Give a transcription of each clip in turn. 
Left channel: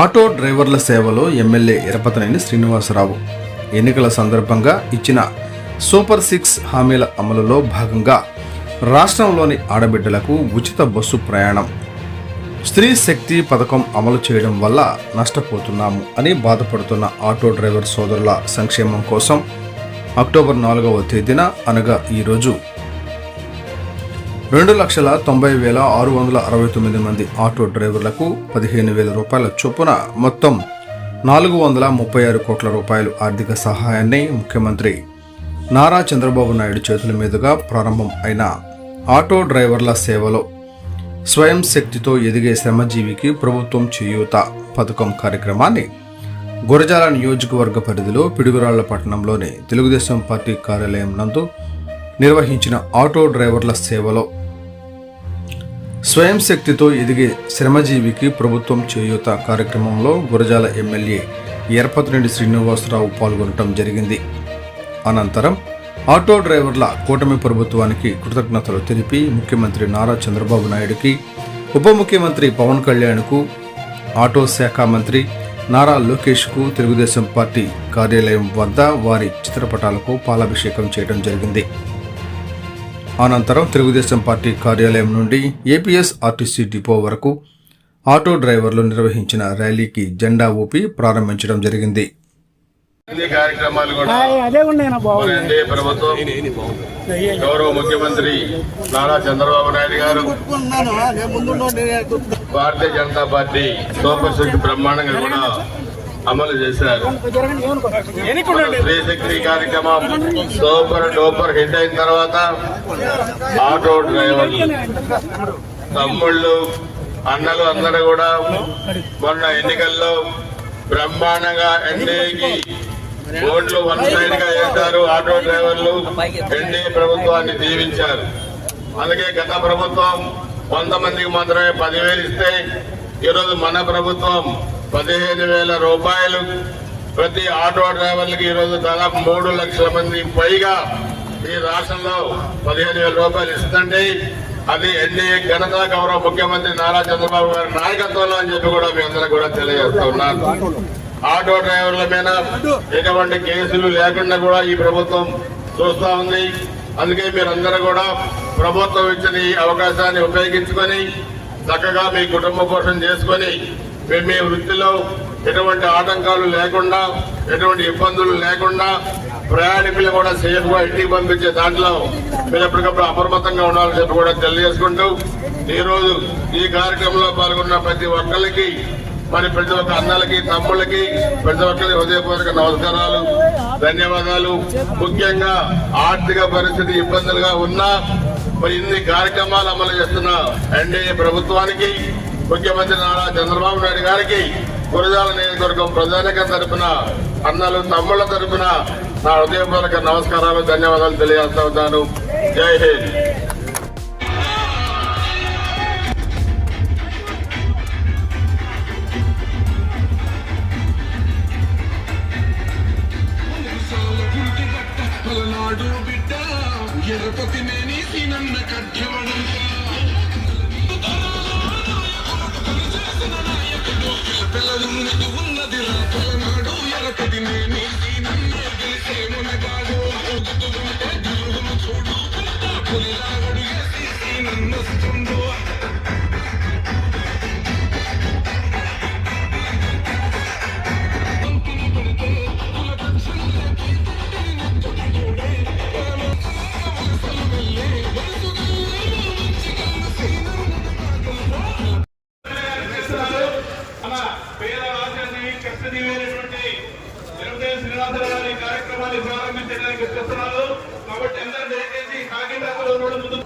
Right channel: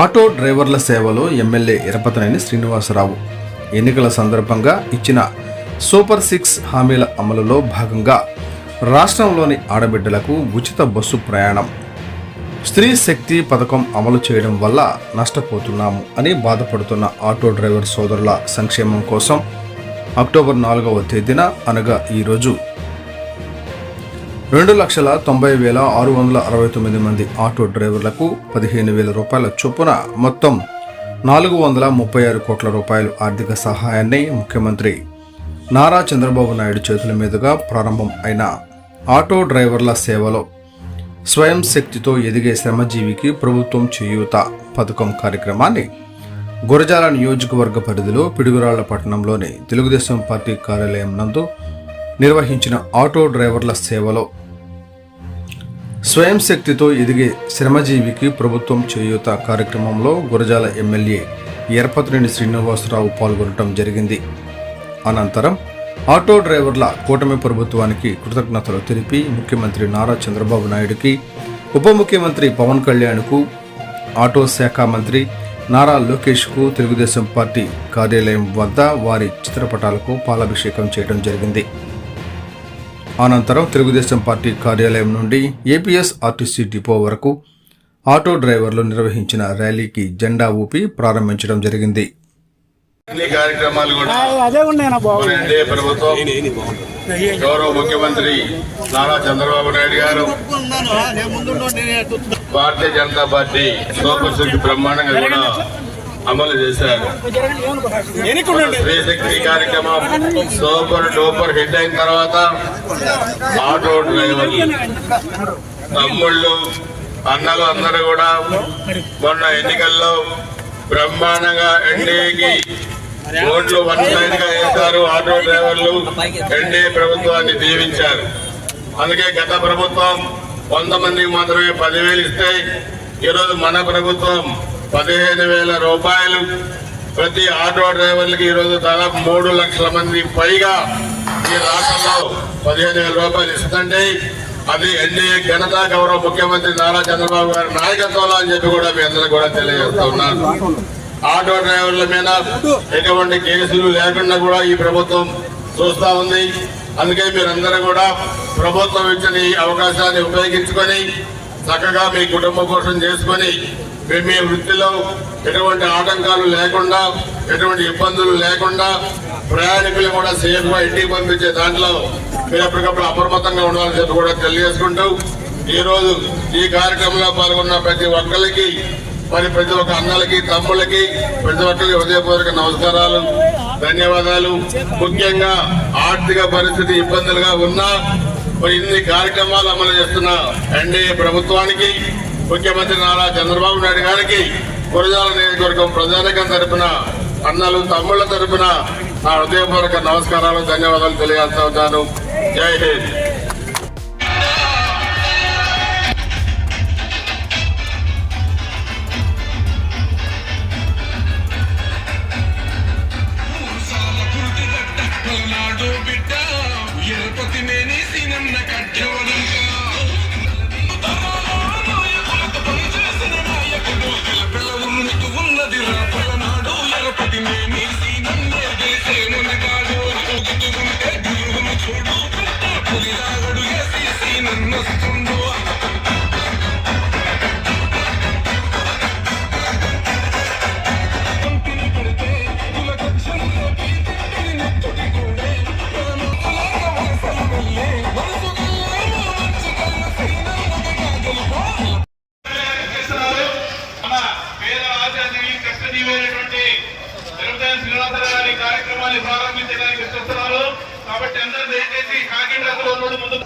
Auto డ్రైవర్ల సేవలో MLA Yarapathineni Srinivasarao ఎన్నికల సందర్భంగా ఇచ్చిన సూపర్ 6 హామీల అమలులో భాగంగా రాష్ట్రంలోని ఆడబిడ్డలకు ఉచిత బస్సు ప్రయాణం, స్త్రీ శక్తి పథకం అమలు చేయడం వల్ల నష్టపోతున్నాము అని బాధపడుతున్న ఆటో డ్రైవర్ సోదరుల సంక్షేమం కోసం అక్టోబర్ 4వ తేదీన అనగా ఈరోజు 2,90,669 మంది ఆటో డ్రైవర్లకు 15,000 రూపాయల చొప్పున మొత్తం 436 కోట్ల రూపాయలు ఆర్థిక సహాయాన్ని ముఖ్యమంత్రి నారా చంద్రబాబు నాయుడు చేతుల మీదుగా ప్రారంభం అయిన ఆటో డ్రైవర్ల సేవలో స్వయం శక్తితో ఎదిగే శ్రమజీవికి ప్రభుత్వం చేయూత పథకం కార్యక్రమాన్ని గురజాల నియోజకవర్గ పరిధిలో పిడుగురాళ్ల పట్టణంలోని తెలుగుదేశం పార్టీ కార్యాలయం నందు నిర్వహించిన ఆటో డ్రైవర్ల సేవలో స్వయం శక్తితో ఎదిగే శ్రమజీవికి ప్రభుత్వం చేయూత కార్యక్రమంలో గురజాల ఎమ్మెల్యే ఎరపతనేని శ్రీనివాసరావు పాల్గొనడం జరిగింది. అనంతరం ఆటో డ్రైవర్ల కూటమి ప్రభుత్వానికి కృతజ్ఞతలు తెలిపి ముఖ్యమంత్రి నారా చంద్రబాబు నాయుడుకి, ఉప ముఖ్యమంత్రి పవన్ కళ్యాణ్కు, ఆటో శాఖ మంత్రి నారా లోకేష్కు తెలుగుదేశం పార్టీ కార్యాలయం వద్ద వారి చిత్రపటాలకు పాలాభిషేకం చేయడం జరిగింది. అనంతరం తెలుగుదేశం పార్టీ కార్యాలయం నుండి ఏపీఎస్ ఆర్టీసీ డిపో వరకు ఆటో డ్రైవర్లు నిర్వహించిన ర్యాలీకి జెండా ఊపి ప్రారంభించడం జరిగింది. గౌరవ ముఖ్యమంత్రి నారా చంద్రబాబు నాయుడు గారు భారతీయ జనతా పార్టీ సూపర్ 6 బ్రహ్మాండంగా కూడా అమలు చేశారు. స్త్రీ శక్తి కార్యక్రమం సూపర్ డూపర్ హిట్ అయిన తర్వాత ఆటో డ్రైవర్లు తమ్ముళ్ళు అన్నలు అందరూ కూడా మొన్న ఎన్నికల్లో బ్రహ్మాండంగా ఎన్డీఏకి ఓట్లు 1 గా వేశారు. ఆటో డ్రైవర్లు ఎన్డీఏ ప్రభుత్వాన్ని దీవించారు. అందుకే గత ప్రభుత్వం 100 మందికి మాత్రమే 10,000 ఇస్తే ఈరోజు మన ప్రభుత్వం 15,000 రూపాయలు ప్రతి ఆటో డ్రైవర్లకి ఈరోజు దాదాపు 3 లక్షల మంది పైగా ఈ రాష్ట్రంలో 15,000 రూపాయలు ఇస్తుంటే అది ఎన్డీఏ ఘనత గౌరవ ముఖ్యమంత్రి నారా చంద్రబాబు గారి నాయకత్వంలో అని చెప్పి కూడా మీ అందరూ కూడా తెలియజేస్తూ ఉన్నారు. ఆటో డ్రైవర్ల మీద ఎటువంటి కేసులు లేకుండా కూడా ఈ ప్రభుత్వం చూస్తా ఉంది. అందుకే మీరందరూ కూడా ప్రభుత్వం ఇచ్చిన ఈ అవకాశాన్ని ఉపయోగించుకొని చక్కగా మీ కుటుంబ పోషణ చేసుకొని మీ వృత్తిలో ఎటువంటి ఆటంకాలు లేకుండా, ఎటువంటి ఇబ్బందులు లేకుండా ప్రయాణికులు కూడా సేఫ్ గా ఇంటికి పంపించే దాంట్లో మీరు ఎప్పటికప్పుడు అప్రమత్తంగా ఉండాలని చెప్పి కూడా తెలియజేసుకుంటూ ఈ రోజు ఈ కార్యక్రమంలో పాల్గొన్న ప్రతి ఒక్కరికి, మరి ప్రతి ఒక్క అన్నలకి, తమ్ముళ్ళకి, ప్రతి ఒక్కరికి హృదయపూర్వక నమస్కారాలు, ధన్యవాదాలు. ముఖ్యంగా ఆర్థిక పరిస్థితి ఇబ్బందులుగా ఉన్నా మరి ఇన్ని కార్యక్రమాలు అమలు చేస్తున్న ఎన్డీఏ ప్రభుత్వానికి, ముఖ్యమంత్రి నారా చంద్రబాబు నాయుడు గారికి గురజాల నియోజకవర్గం ప్రజానికం తరఫున, అన్నలు తమ్ముళ్ల తరఫున నా హృదయపూర్వక నమస్కారాలు, ధన్యవాదాలు తెలియజేస్తా ఉంటాను. జై హింద్. కార్యక్రమాన్ని ప్రారంభించడానికి చూస్తున్నారు కాబట్టి అందరూ దయచేసి కాకినాడలో ముందు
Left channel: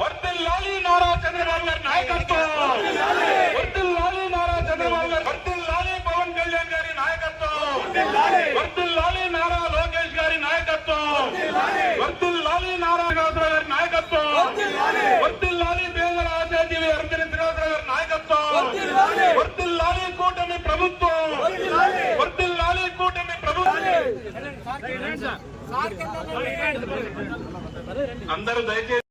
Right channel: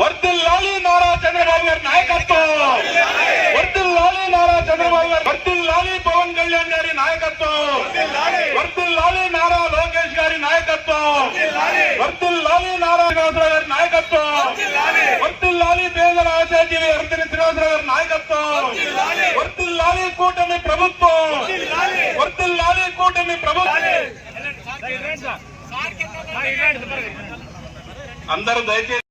వర్ధిల్లాలి నారా చంద్రబాబు గారి నాయకత్వం, వర్ధిల్లాలి నారా చంద్రబాబు గారు, వర్ధిల్లాలి పవన్ కళ్యాణ్ గారి నాయకత్వం, వర్ధిల్లాలి నారా లోకేష్ గారి నాయకత్వం, వర్ధిల్లాలి నారా శ్రీనివాసరావు గారి నాయకత్వం, వర్ధిల్లాలి పేదల ఆశాజీవి ఎరపతనేని శ్రీనివాసరావు గారి నాయకత్వం, వర్ధిల్లాలి కూటమి ప్రభుత్వం, వర్ధిల్లాలి కూటమి ప్రభుత్వం. అందరూ దయచేసి